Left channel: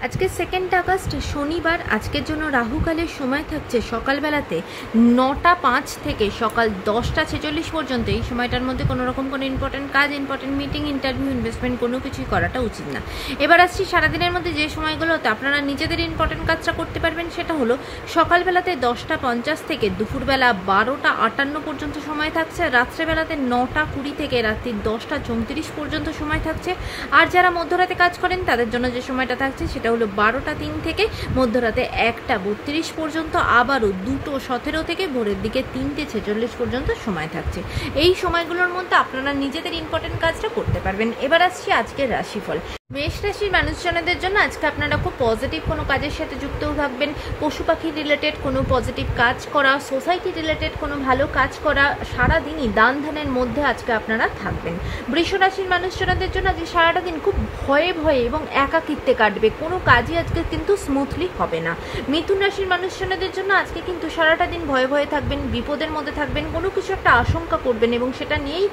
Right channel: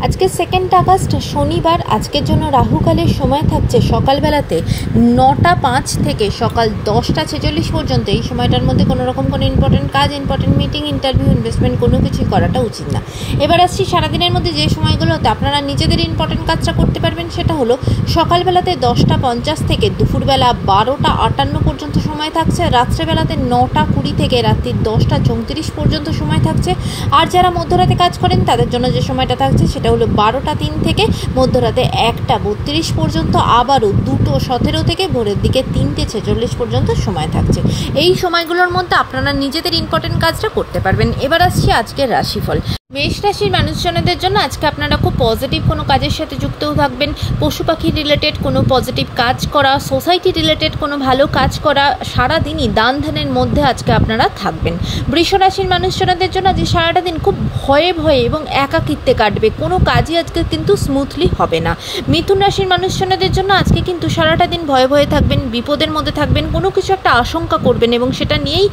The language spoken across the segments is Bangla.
আজকে 2 আগস্ট শনিবার। আজকের জন্য রাহুকালের সময় থাকছে সকালবেলাতে 9টা 5 থেকে সকাল 10টা 46 পর্যন্ত। এই সময়টার মধ্যে কোনো রকম কোনো ইম্পর্টেন্ট কাজ, ইম্পর্টেন্ট মিটিং, ইন্টারভিউ, ইনভেস্টমেন্ট কোনো কিছুই করাটা উচিত না। এবার আসছি সারাদিনের মধ্যে যে সময়গুলোতে আপনারা নিজেদের ইম্পর্টেন্ট কাজটা করতে পারবেন, সেটা হলো সকালবেলাতে 10টা 50 থেকে দুপুরবেলা 12টা 58 পর্যন্ত সময় থাকছে। রাত্রেবেলাতে 9টা 20 থেকে রাত্রি 10টা 34 পর্যন্ত সময় থাকছে। আর যারা মধ্যরাতে কাজ করেন তাদের জন্য যে সময়টা থাকছে সেটা হলো 12টা 3 থেকে মধ্যরাতে 1টা 32 পর্যন্ত, আবারও 2টো 17 থেকে ভোরের দিকে 3টে 46 পর্যন্ত সময় থাকছে। এই সময়গুলোর মধ্যে আপনারা নিজেদের ইম্পর্টেন্ট কাজটা করতে পারবেন। এবার আসছি আজকের রাশিফল। মেষ রাশির মানুষজনদের জন্য আজকে আপনারা খুব পজিটিভ কোনো কাজের সাথে যুক্তও থাকবেন। পশু পাখি রিলেটেড কোনো পজিটিভ কাজ করা, সোসাইটি রিলেটেড কোনো ভালো কাজ করা, সারাদিনই দান ধ্যানের মধ্যে আজকে আপনারা থাকবেন। বৃষ রাশির মানুষজনদের জন্য আজকে সারাটা দিন খুব ভয়ে ভয়ে এবং একাকিত্বে কাটবে। কোনো কাজই আজকে কিন্তু স্মুথলি হবে না। মিথুন রাশির মানুষজনদের জন্য আজকে কিন্তু সারাটা দিন ভয়ে ভয়ে থাকবেন, বিপদের মধ্যে থাকবেন, কোনো কিছু একটা আশঙ্কা করবেন এবং সেটা নিয়েই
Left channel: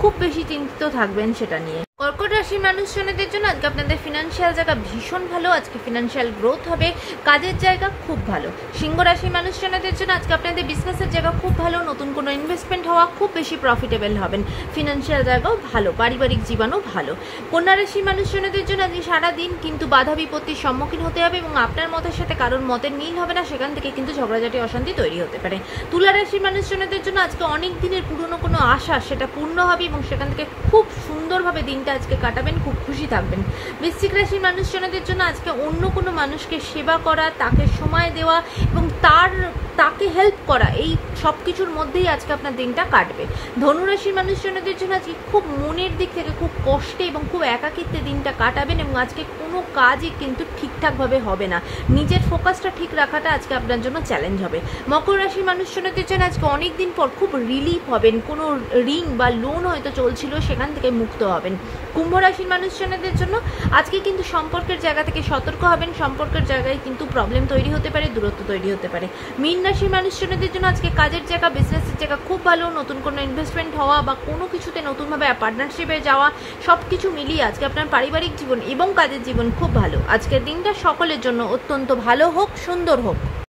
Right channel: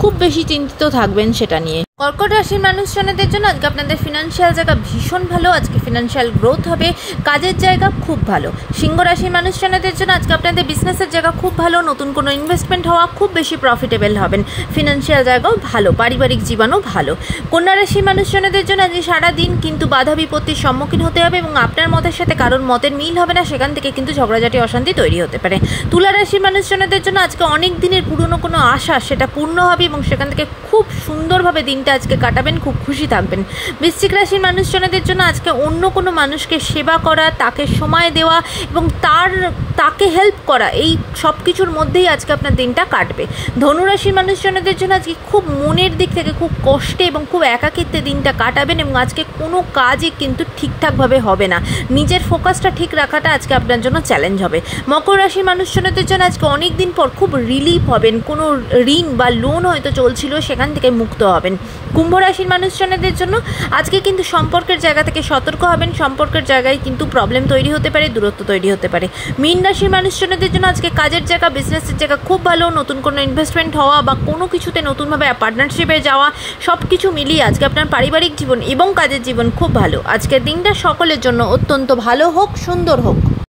খুব বেশি চিন্তিত থাকবেন সেটা নিয়ে। কর্কট রাশির মানুষজনদের জন্য আজকে আপনাদের ফিনান্সিয়াল জায়গা ভীষণ ভালো, আজকে ফিনান্সিয়াল গ্রোথ হবে, কাজের জায়গা খুব ভালো। সিংহ রাশির মানুষজনদের জন্য আজকে আপনাদের বিজনেসের জায়গা খুব ভালো, নতুন কোনো ইনভেস্টমেন্ট হওয়া, খুব বেশি প্রফিটেবল হবেন, ফিনান্সিয়াল জায়গাও ভালো, পারিবারিক জীবনও ভালো। কন্যা রাশির মানুষজনদের জন্য আজকে সারাদিন কিন্তু বাধা বিপত্তির সম্মুখীন হতে হবে এবং আপনার মতের সাথে কারোর মতের মিল হবে না, সেখান থেকে কিন্তু ঝগড়াঝাটি অশান্তি তৈরি হতে পারে। তুলা রাশির মানুষজনদের জন্য আজকে অনেক দিনের পুরনো কোনো আশা সেটা পূর্ণ হবে এবং সেখান থেকে খুব সুন্দরভাবে দিনটা আজকে কাটাবেন, খুব খুশি থাকবেন। বৃশ্চিক রাশির মানুষজনদের জন্য আজকে অন্য কোনো মানুষকে সেবা করা, তাকে সময় দেওয়া এবং তাকে হেল্প করা, এই সব কিছুর মধ্যেই আজকে আপনার দিনটা কাটবে। ধনুরাশির মানুষজনদের জন্য আজকে খুব মনের দিক থেকে খুব কষ্টে এবং খুব একাকিত্বে দিনটা কাটাবেন এবং আজকে কোনো কাজই কিন্তু ঠিকঠাকভাবে হবে না। নিজের ফোকাসটা ঠিক রাখাটা আজকে আপনার জন্য চ্যালেঞ্জ হবে। মকর রাশির মানুষজনদের জন্য আজকে অনেক দিন পর খুব রিলিফ হবেন, কোনো ঋণ বা লোন হয়তো চলছিল সেখান থেকে মুক্ত হবেন। কুম্ভ রাশির মানুষজনদের জন্য আজকে কিন্তু সম্পর্কের জায়গা থেকে সতর্ক হবেন, সম্পর্কের জায়গায় কিন্তু প্রবলেম তৈরি হতে পারে, দূরত্ব তৈরি হতে পারে। মীন রাশির মানুষজনদের জন্য আজকে কাজের জায়গা, বিজনেসের জায়গা খুব ভালো, নতুন কোনো ইনভেস্টমেন্ট হওয়া বা কোনো কিছুতে নতুনভাবে পার্টনারশিপে যাওয়া, সব কিছু মিলিয়ে আজকে আপনার পারিবারিক জীবন এবং কাজের জীবন খুব ভালো। আজকের দিনটা সকলের জন্য অত্যন্ত ভালো হোক, সুন্দর হোক।